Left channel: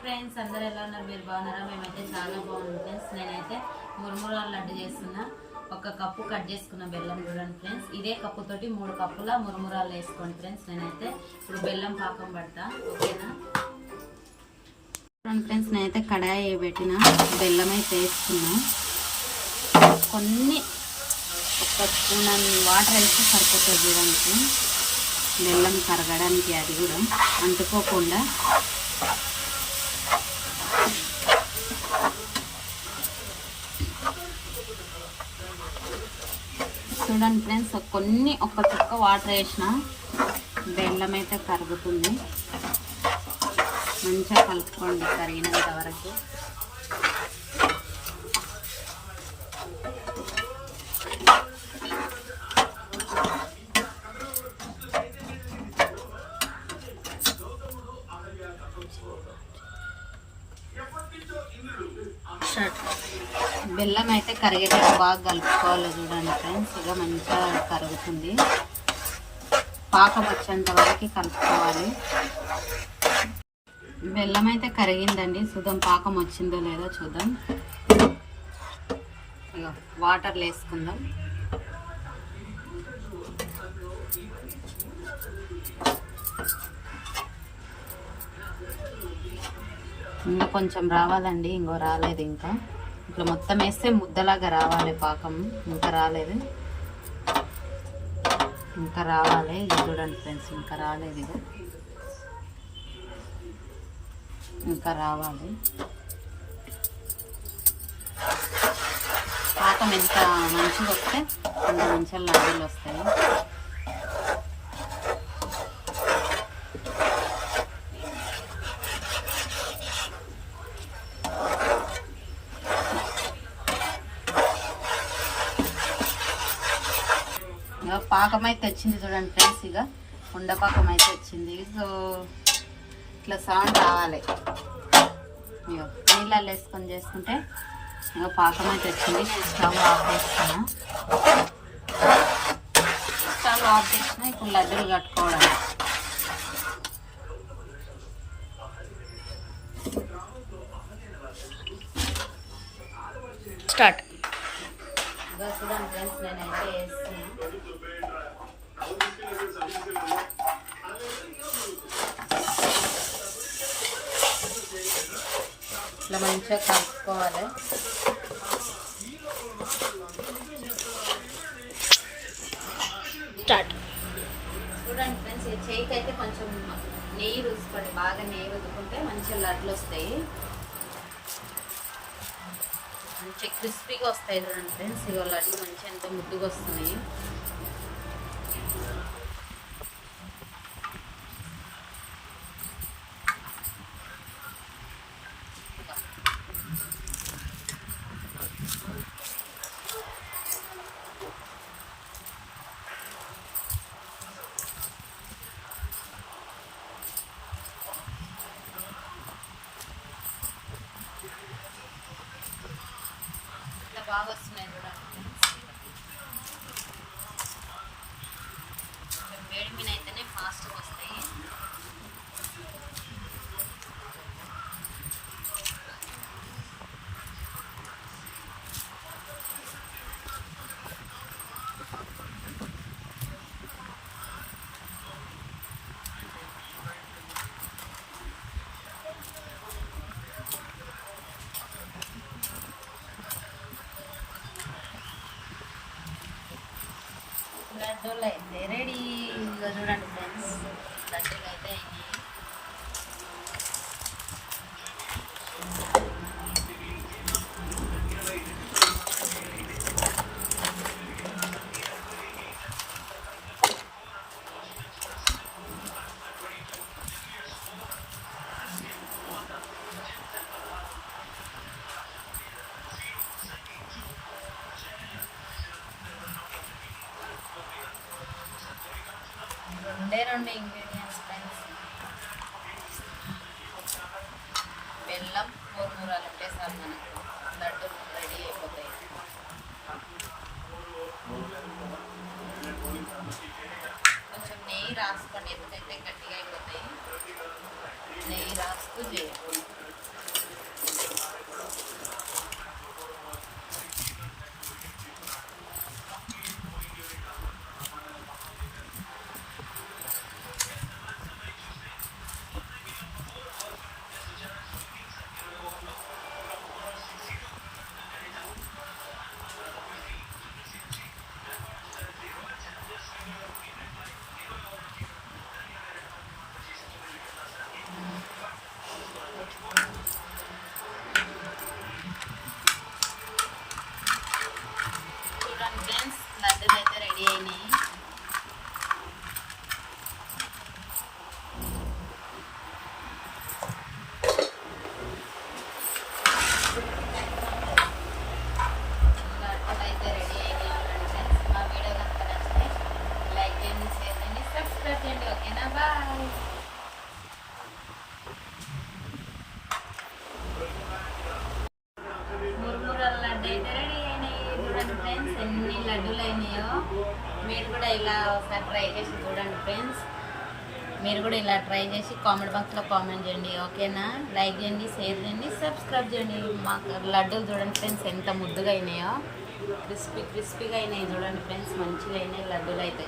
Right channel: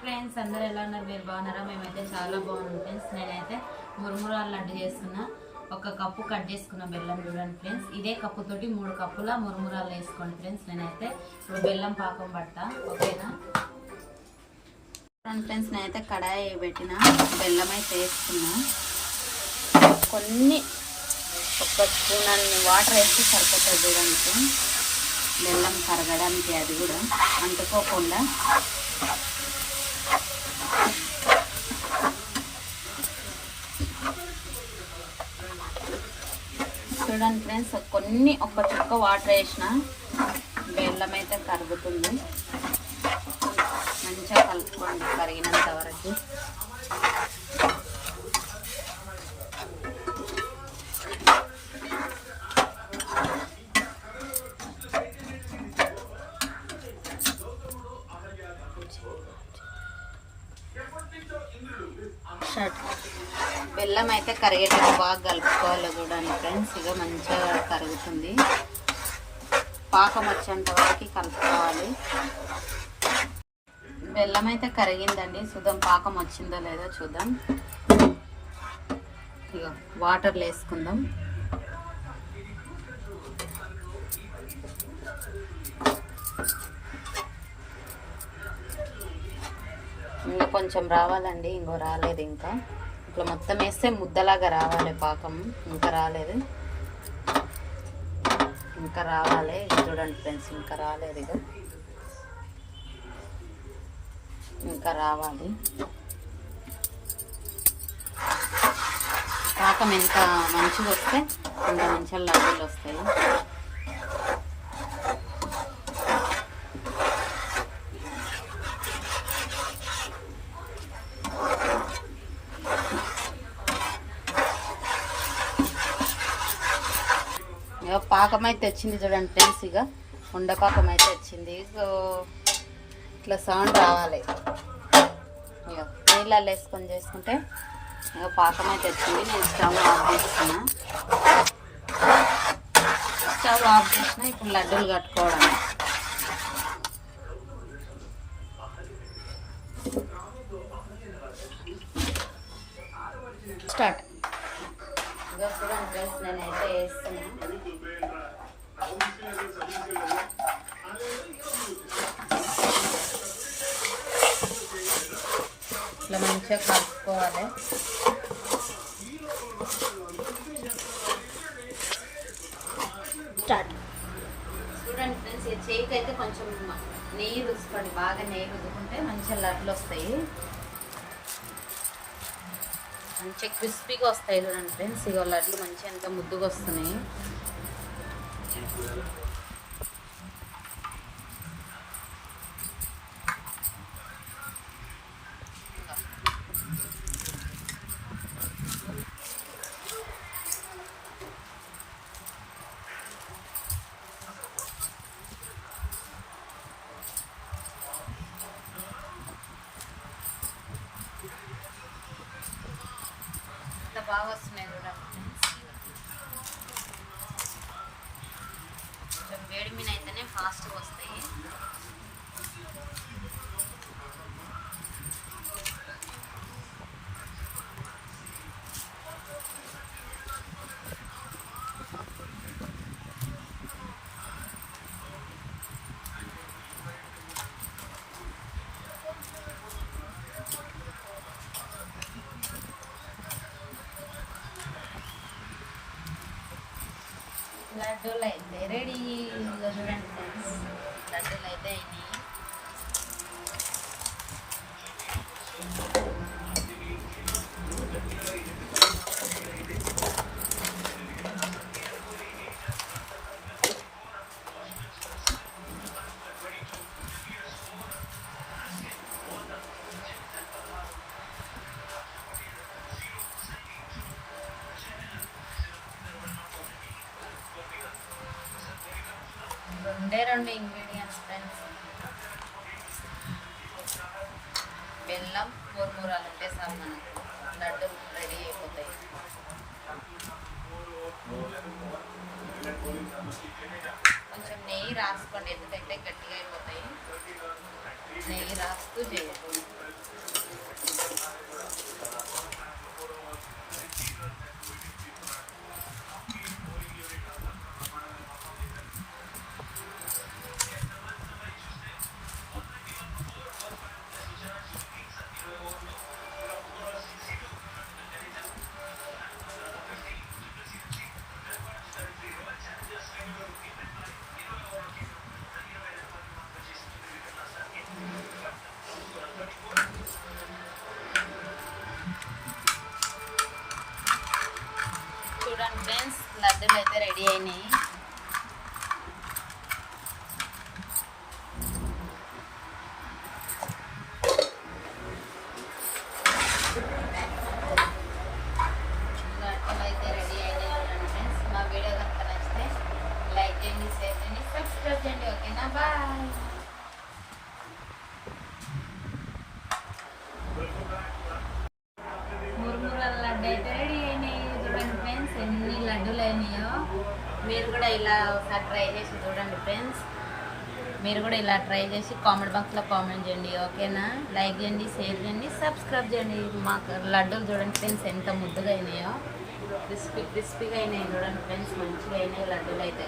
Friends, అందరూ ఎలా ఉన్నారు? మీరు బాగున్నారా? మేమైతే చాలా బాగున్నాం ఫ్రెండ్స్. నేనైతే మురుమురాలు లడ్డు చేస్తున్నా. ఒక కప్పు కట్ చేసుకున్న బెల్లం చూడండి ఫ్రెండ్స్. ఇదే కప్పుతోటి 3 కప్పుల మురుమురాలు వేసుకోండి ఫ్రెండ్స్. నేనైతే ఇప్పుడు బెల్లం పాకం పడతా, ఓకేనా ఫ్రెండ్స్? నేనైతే కడాయి పెట్టిన బెల్లం అయితే వేసుకున్నా. కొన్ని ఒక స్పూన్ వాటర్ వేస్తే సరిపోతుంది చూడండి. బెల్లం కరగడానికి అది కూడా అంటుకోకుండా. చూడండి ఫ్రెండ్స్, కొన్ని ఒక చుక్క వాటర్ వేసిన బెల్లం అయితే కరుగుతుంది. మంచిగా కలుపుకోండి కరిగినంత వరకు. బెల్లం అయితే కరిగేటప్పుడు బాగా కలుపుకోవాలి చూడండి ఫ్రెండ్స్. ఇక మంచిగా కరుగుతుంది. పాకం వచ్చేంత వరకు కలుపుకోవాలి. బెల్లం అయితే కరిగిందండి. చూద్దాం పాకం వచ్చిందో లేదో చూద్దాం. ఇక వాటర్లు వేసుకుందాం. ఇంకా కొంచెం రావాలండి, ఇంకో రాలేదు. ఇంకా ఇట్లా మొత్తం వేస్తే ముద్దలాగా రావాలి పాకం. ఇంకా రాలేదు, ఇంకా రావాలి. చూడండి ఫ్రెండ్స్, ఇంకా రాలేదు. ఇక ఇంకా రావాలి. పాకం ఎంత మంచిగా వస్తే మంచిగా లడ్డూలు వస్తాయి. పాకం అయితే వచ్చింది చూడండి ఫ్రెండ్స్. ఇక ఉండపాకం అయితే వచ్చింది. ఇట్లా సౌండ్ రావాలి. నీళ్ళల్లో వేసుకొని చేసుకుంటే ఇక పాకం అయితే వచ్చింది. స్టవ్ ఆఫ్ చేస్తున్నా. స్టవ్ ఆఫ్ చేసిన ఇప్పుడు లడ్డూలు కట్టుకోవడం స్టార్ట్. చూడండి ఫ్రెండ్స్, నేనైతే వేస్తున్నా. ఇట్లా మంచిగా కలుపుకోవాలి. స్టార్ట్. చూడండి ఫ్రెండ్స్, ఈ చేయికి అయితే కొంచెం నెయ్యి రుసుకోండి. బాగా నెయ్యి రుద్దుకుంటే మంచిగా లడ్లు వస్తాయి. మంచిగా క్రిస్పీగా వస్తాయి చూడండి ఫ్రెండ్స్. ఇక లడ్లు మంచిగా ఎంత ముద్దుగా వస్తున్నాయి. బాగా వస్తున్నాయి చూడండి. కొంచెం వేడి మీద అయితేనే ఫాస్ట్గా వస్తాయి. లడ్డూలు అయితే రెడీ. చూడండి ఫ్రెండ్స్, లడ్డూలు అయితే అయినాయి. రెండు ఇంగ్రీడియంట్స్ ఫ్రెండ్స్. బెల్లం, మురుమురాలు ఉంటే చాలు మనకు లడ్డు రెడీ అయిపోతాయి. కొంచెం నెయ్యి రాసుకోండి, ఎందుకైతే గట్టిగా అయిపోతాయి. నెయ్యి రాస్తూ చేయాలి. చూడండి ఫ్రెండ్స్, లడ్డూలు అయితే రెడీ అయినాయి. లడ్డూలు అయితే రెడీ అయినాయి. చూడండి ఫ్రెండ్స్, మా వీడియో కనుక నచ్చితే లైక్ చేయండి, షేర్ చేయండి, సబ్స్క్రైబ్ చేయండి. ఓకేనా, బాయ్. మురుమురాల లడ్డు అయితే రెడీ అయినాయి. చూడండి ఫ్రెండ్స్, ఎన్ని లడ్డూలు అయినాయో. మీరు కూడా ఇలా ఒకసారి ట్రై చేసి చూడండి ఫ్రెండ్స్. మీరు కూడా ఇలా ట్రై చేసి కామెంట్ బాక్స్లో కామెంట్ చేయండి. ఓకేనా, లైక్ చేయండి, షేర్ చేయండి, సబ్స్క్రైబ్ చేయండి. మాకు లడ్డూలు చూడండి ఫ్రెండ్స్, ఎంత ముద్దుగా అయినాయో. క్రిస్పీగా అయినాయి. చూడండి ఫ్రెండ్స్, మంచిగా అయినాయి లడ్డూలు అయితే.